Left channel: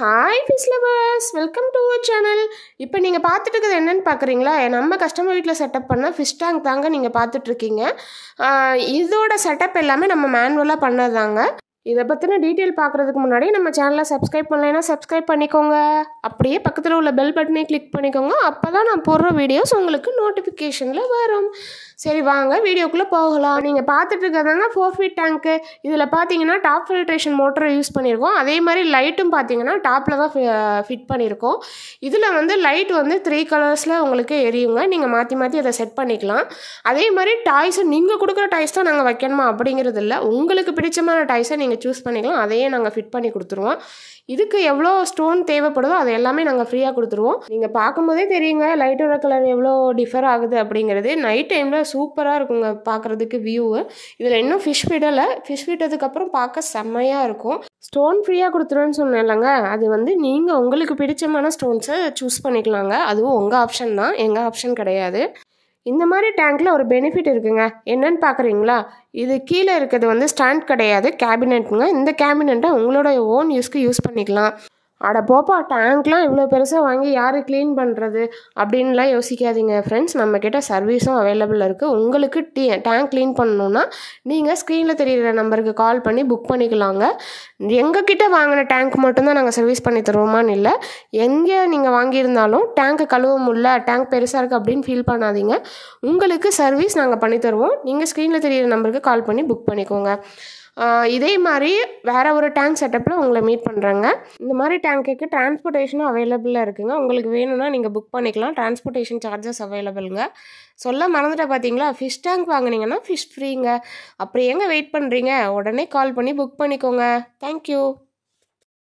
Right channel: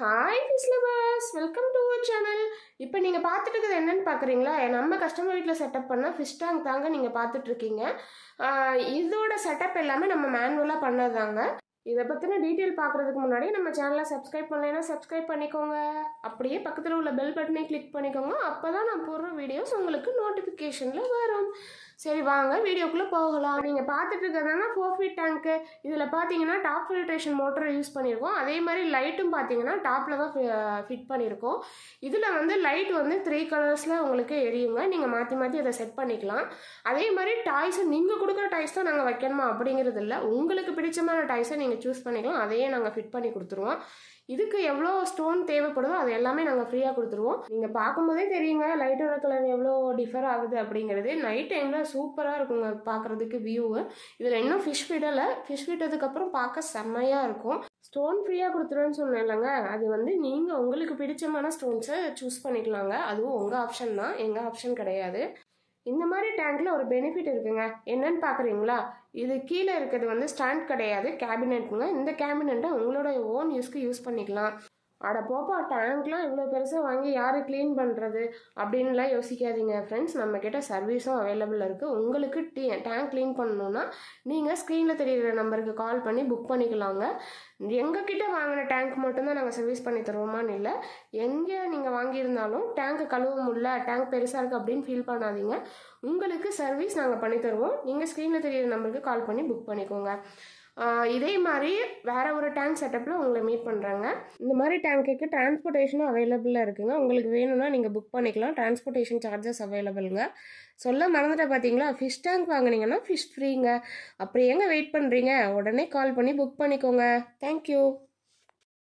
Hi fish lovers, welcome to our channel. இப்போ நீங்கள் பார்த்துட்டு இருக்கிறது என்னென்னு பார்க்குறீங்களா? நம்ம கஸ்டமர் வீட்டில் செட்டப் பண்ண ஃபிஷ் டேங்க் தாங்க நீங்கள் பார்த்துட்ருக்கீங்க. இதோட செட்டப் எல்லாமே நம்ம மேனுவலாக பண்ணது தாங்க. இதை பற்றின டீட்டெயில் பார்க்குறதுக்கு முன்னாடி நம்ம சேனலை சப்ஸ்கிரைப் பண்ணலைன்னா சப்ஸ்கிரைப் பண்ணிக்கோங்க. அப்படியே பக்கத்தில் உள்ள பெல் பட்டனை கிளிக் பண்ணிக்கோங்க. அப்போ தான் நான் போடுற வீடியோஸ் உங்களுக்கு நோட்டிஃபிகேஷனில் வரும். சரி வாங்க வீடியோக்குள்ளே போகலாம். நீங்கள் பார்த்துட்டு இருக்கிறதாங்க 4 feet டேங்க்கு. இதில் பார்த்தீங்கன்னா டாப் ஃபில்ட்ரேஷன் மோட்டரை யூஸ் பண்ணியிருக்கோம். அதே மாதிரி லைட்டும் பார்த்தீங்கன்னா டாப்பில் தான் ஃபிட் பண்ணியிருக்கோம். இதில் வந்து லைட் வந்து 3 கலர்ஸில் உங்களுக்கு எரியுங்க. நீங்கள் மாற்றி மாற்றி அதை செட் பண்ணிக்கலாம். அதே மாதிரி டாய்ஸை நீங்கள் கொடுக்குற டாய்ஸ் தான் நாங்கள் வைக்கணுமா அப்படிங்கிறது இல்லை. உங்களுக்கு பிடிச்சமான டாய்ஸை நீங்கள் சூஸ் பண்ணிக்கலாம். அதையே நாங்கள் ஃபிட் பண்ணி கொடுத்துருவோம். இதுக்கு எவ்வளோ ஸ்டோன் தேவைப்படுதோ அது எல்லாமே நாங்கள் ஃப்ரீயாக கொடுத்துருவோம். நீங்கள் பார்க்கும்போதே தெரியுங்க லைட்டோட கலர் எவ்வளோ டிஃபர் ஆகுது அப்படிங்கிறது. நைட் டைமில் சூப்பராக இருக்குங்க பார்க்குறதுக்கு வியூவு. இதில் இன்னும் ஃபிஷ் விடலை. ஃபிஷ் விட்டதுக்கப்புறம் பார்க்க செம்மையாக இருக்கும். ஸ்டோன் ஃப்ரீயாக கொடுத்துருவேன்னு சொன்னேன் இல்லைங்க, அது வந்து நீங்கள் உங்களுக்கு பிடிச்சமான ஸ்டோன்ஸை சூஸ் பண்ணிக்கலாங்க. அதுவும் உங்கள் ஆப்ஷன் தான், எங்கள் ஆப்ஷன் கிடையாது. இந்த மாதிரி டேங்க்கில் ஒரு பெனிஃபிட் இருக்குங்க. என்னன்னு பார்க்குறீங்களா? இது கீழே இருக்கிறது வந்து ஸ்டாண்ட் கிடையாது, கேபினெட்டுங்க. இந்த கேபினெட்டை உங்களோட ஓன் யூஸ்க்கு யூஸ் பண்ணிக்கலாம். அட போப்பா, டேங்க்லாம் இவ்வளோ பெருசாக வாங்கி யார் க்ளீன் பண்ணுறது அப்படின்லாம் யோசிக்காதீங்க ஃப்ரெண்ட்ஸ். நம்மக்கிட்ட சர்வீஸும் அவைலபிள் இருக்குது. உங்களுக்கு டேங்க் க்ளீன் பண்ணணுன்னா நீங்கள் ஸ்க்ரீனில் தெரிகிற நம்பருக்கு கால் பண்ணி புக் பண்ணிக்கலாங்க. எங்ககிட்ட வாங்கின டேங்க் மட்டும்தான் நாங்கள் சர்வீஸ் பண்ணி தருவோமான்னு இல்லை. எங்கே நீங்கள் வாங்கியிருந்தாலும் டேங்க்கை கழுவ முடியல, டேங்க் பெருசாக இருக்குது அப்படின்னு ஃபீல் பண்ணாதீங்க. உங்களுக்கு சர்வீஸ் நாங்கள் பண்ணித்தருவோம். நீங்கள் ஸ்க்ரீனில் தெரிகிற நம்பருக்கு கால் பண்ணி புக் பண்ணிக்கோங்க. இதே மாதிரி வேறு ஒரு டேங்க் செட்டப்பில் உங்களை மீட் பண்ணுறாங்க. இந்த மாதிரி டேங்க்குக்கு டிரான்ஸ்போர்ட்டேஷனும் அவைலபிளாக இருக்குங்க. உங்களுக்கு வேணும்னா நீங்கள் புக் பண்ணிக்கலாம். டிரான்ஸ்போர்ட்டேஷன் சார்ஜஸ் அவைலபிளுங்க. சொல்ல மறந்துட்டேன் பார்த்தீங்களா? ஃபிஷ் டேங்க் வாங்கினீங்கன்னா ஃபிஷ் ஃப்ரீங்க. அப்படி எங்கே வெயிட் பண்ணுறீங்க? உடனே கால் பண்ணி புக் பண்ணிக்கோங்க. தேங்க்யூ.